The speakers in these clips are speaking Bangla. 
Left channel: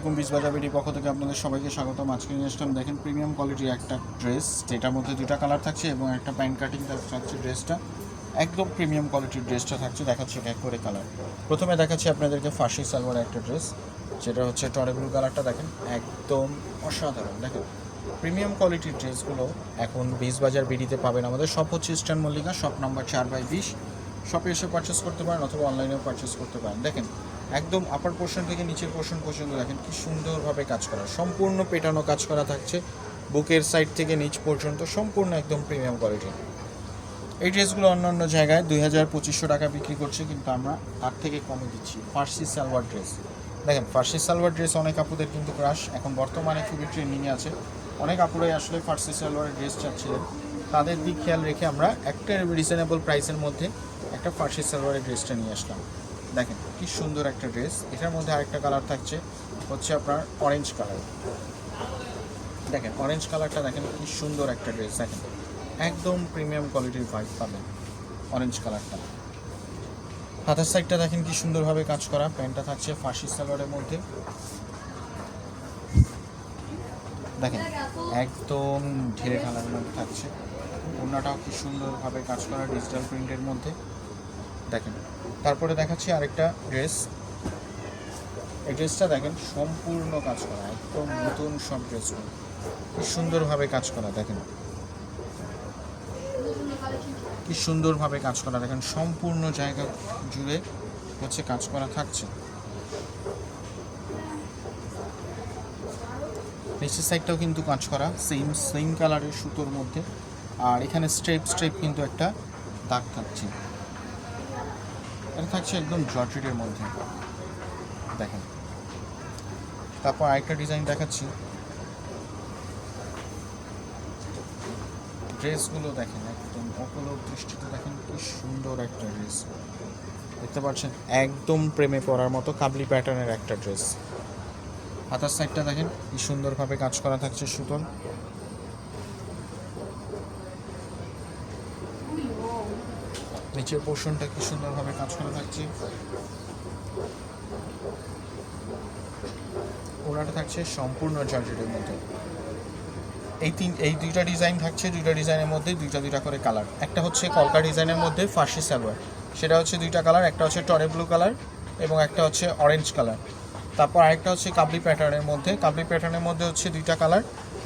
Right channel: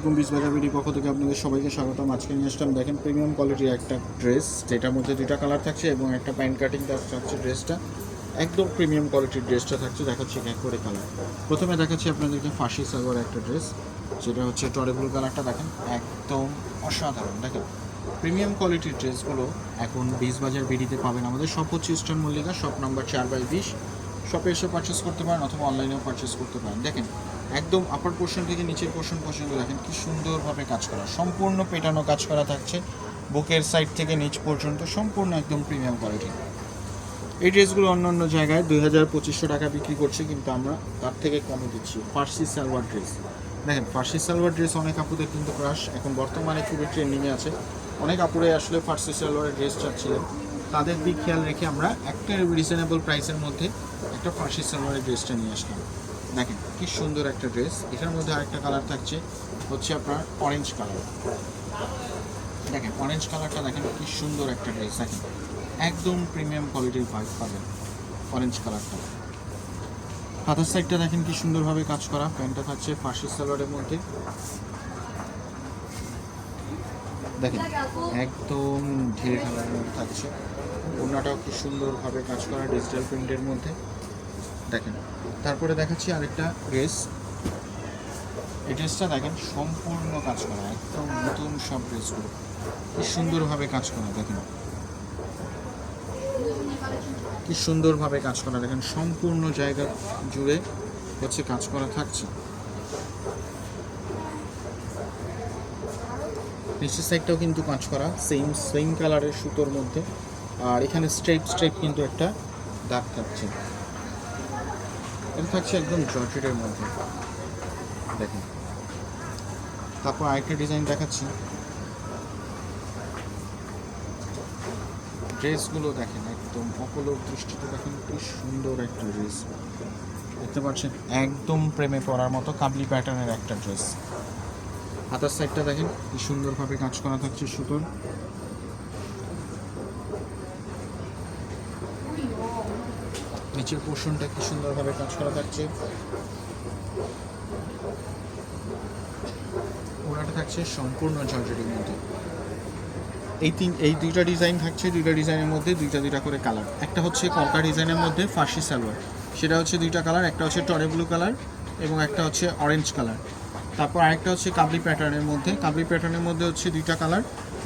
আলাইকুম, বিসবাজার বিডি পক্ষ থেকে আপনাদের সবাইকে স্বাগতম। আজকে নিয়ে আসলাম দেখেন প্রিমিয়াম কোয়ালিটির একটা ড্রেস, যেটার মধ্যে দুইটা কালার থাকছে এবং একটা প্যান্ট কাটিং থাকছে। ড্রেসটা একদম প্রিমিয়াম কোয়ালিটির ড্রেসটা থাকছে। দেখাচ্ছি এক করে কালার। প্রথমে দেখাচ্ছি আপনাদেরকে ফার্সি সালোয়ার একটা ড্রেস, যেটা হচ্ছে টরে ব্লু কালারটা। দেখেন একদম অসাধারণ। দেখেন প্রিমিয়াম কোয়ালিটির ড্রেসগুলো এখন বিসবাজার বিডিতে পাবেন। আমাদের শপ হচ্ছে ইস্টার্ন মল্লিকা, শপ নাম্বার 4/20। শপে এসে পারচেস করতে পারেন অথবা অনলাইনেও পারচেস করতে পারেন। দেখেন একদম আপার পোর্শন থেকে নিচের পোর্শন পর্যন্ত দেখেন কি সুন্দরভাবে কাজ করা, সম্পূর্ণ পেটানো কাজ করা থাকছে। বুকের সাইড থেকে নিচ পর্যন্ত সম্পূর্ণ একদম প্রিমিয়াম কোয়ালিটি। এই ড্রেসগুলো অন্য জায়গায় 2000-2500 টাকা বিক্রি করছে, কিন্তু আমরা তার থেকে কমে দিচ্ছি। ফার্সি সালোয়ার ড্রেস দেখেন, ফার্সি সালোয়ার ড্রেস অনেক আপুদের কিন্তু ক্রাশ, এখন বর্তমানে খুবই ট্রেন্ডিংয়ে আছে। অনেক আপুরাই আসলে ফার্সি সালোয়ার ড্রেস চাচ্ছিলেন, তাদের দিক খেয়াল রেখে আমরা একটা রিজনেবল প্রাইসের মধ্যে একটা ফার্সি সালোয়ারের ড্রেসটা নিয়ে আসলাম। দেখেন কি সুন্দর একটা ড্রেস। এটার মধ্যে আরেকটা কালার থাকছে হচ্ছে আপনার অরেঞ্জ কালার। দেখেন অরেঞ্জ কালারটা দেখেন কি সুন্দর একটা ড্রেস। দেখেন একদম প্রিমিয়াম কোয়ালিটির পাবেন অরেঞ্জ কালারটা। হাতের সাইডটা দেখেন কি সুন্দরভাবে কাজ করা। প্যান্টটা থাকছে ফার্সি সালোয়ারের মধ্যে। দেখেন একদম ঢেলে ঢালার মধ্যে থাকছে। ওড়নাটাও কি সুন্দরভাবে কাজ করা ডিজিটাল প্রিন্টের মধ্যে। দেখেন তারপরে দেখাচ্ছি আরেকটা ড্রেস। এই ড্রেসটা দেখেন সম্পূর্ণ কাজ করা, একদম নতুন সব ড্রেসগুলো কি সুন্দরভাবে কাজ করা। দেখেন কি সুন্দরভাবে কাজ করা। দেখেন সম্পূর্ণ জায়গা জুড়ে হচ্ছে কাজ করা থাকছে। নিচের সাইডটাও কিন্তু কাজ করা সেম কালারের সুতোর মধ্যে। আর এখানে স্ট্রেপ কিন্তু একটা দাগ থাকছে। এটা থাকছে একদম জর্জেটের মধ্যে। দেখেন তারপর আরেকটা ডিজাইন দেখাচ্ছি। ড্রেসগুলো দেখেন একদম অপলক দৃষ্টিতে দেখেন কি সুন্দর একটা ড্রেস। দেখতে পাচ্ছেন একদম প্রেমে পড়ার মতো কাবলি প্যাটার্নের একটা ড্রেস। হাতার সাইডটা দেখেন কি সুন্দরভাবে কাজ করা থাকছে সুতোর। নিচের পোর্শনটা কি সুন্দরভাবে কাজ করা থাকছে। ওনাটা থাকছে সম্পূর্ণ জর্জেটের মধ্যে। এই দুইটা ডিজাইন থাকছে। দুইটা ডিজাইনের মধ্যে দুইটা করে কালার। একটা হচ্ছে কলকা ডিজাইনের মধ্যে ফার্সি সালোয়ার, সেটা হচ্ছে দুইটা কালার। একটা হচ্ছে টরে ব্লু কালার এবং একটা হচ্ছে অরেঞ্জ কালার। তারপর আরেকটা হচ্ছে কাবলি প্যাটার্নের মধ্যে। কাবলি প্যাটার্নের মধ্যে হচ্ছে দুইটা কালার,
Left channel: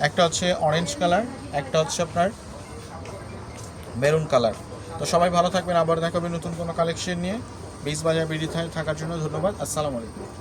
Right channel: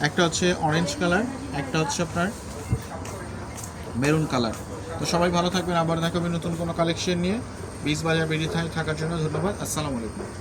একটা হচ্ছে অরেঞ্জ কালার, একটা হচ্ছে আপনার মেরুন কালার। তো সবাই ভালো থাকবেন, আবার দেখাবেন নতুন কোনো কালেকশন নিয়ে। বিসবাজার বিডি থাকার জন্য ধন্যবাদ। আসসালামু আলাইকুম।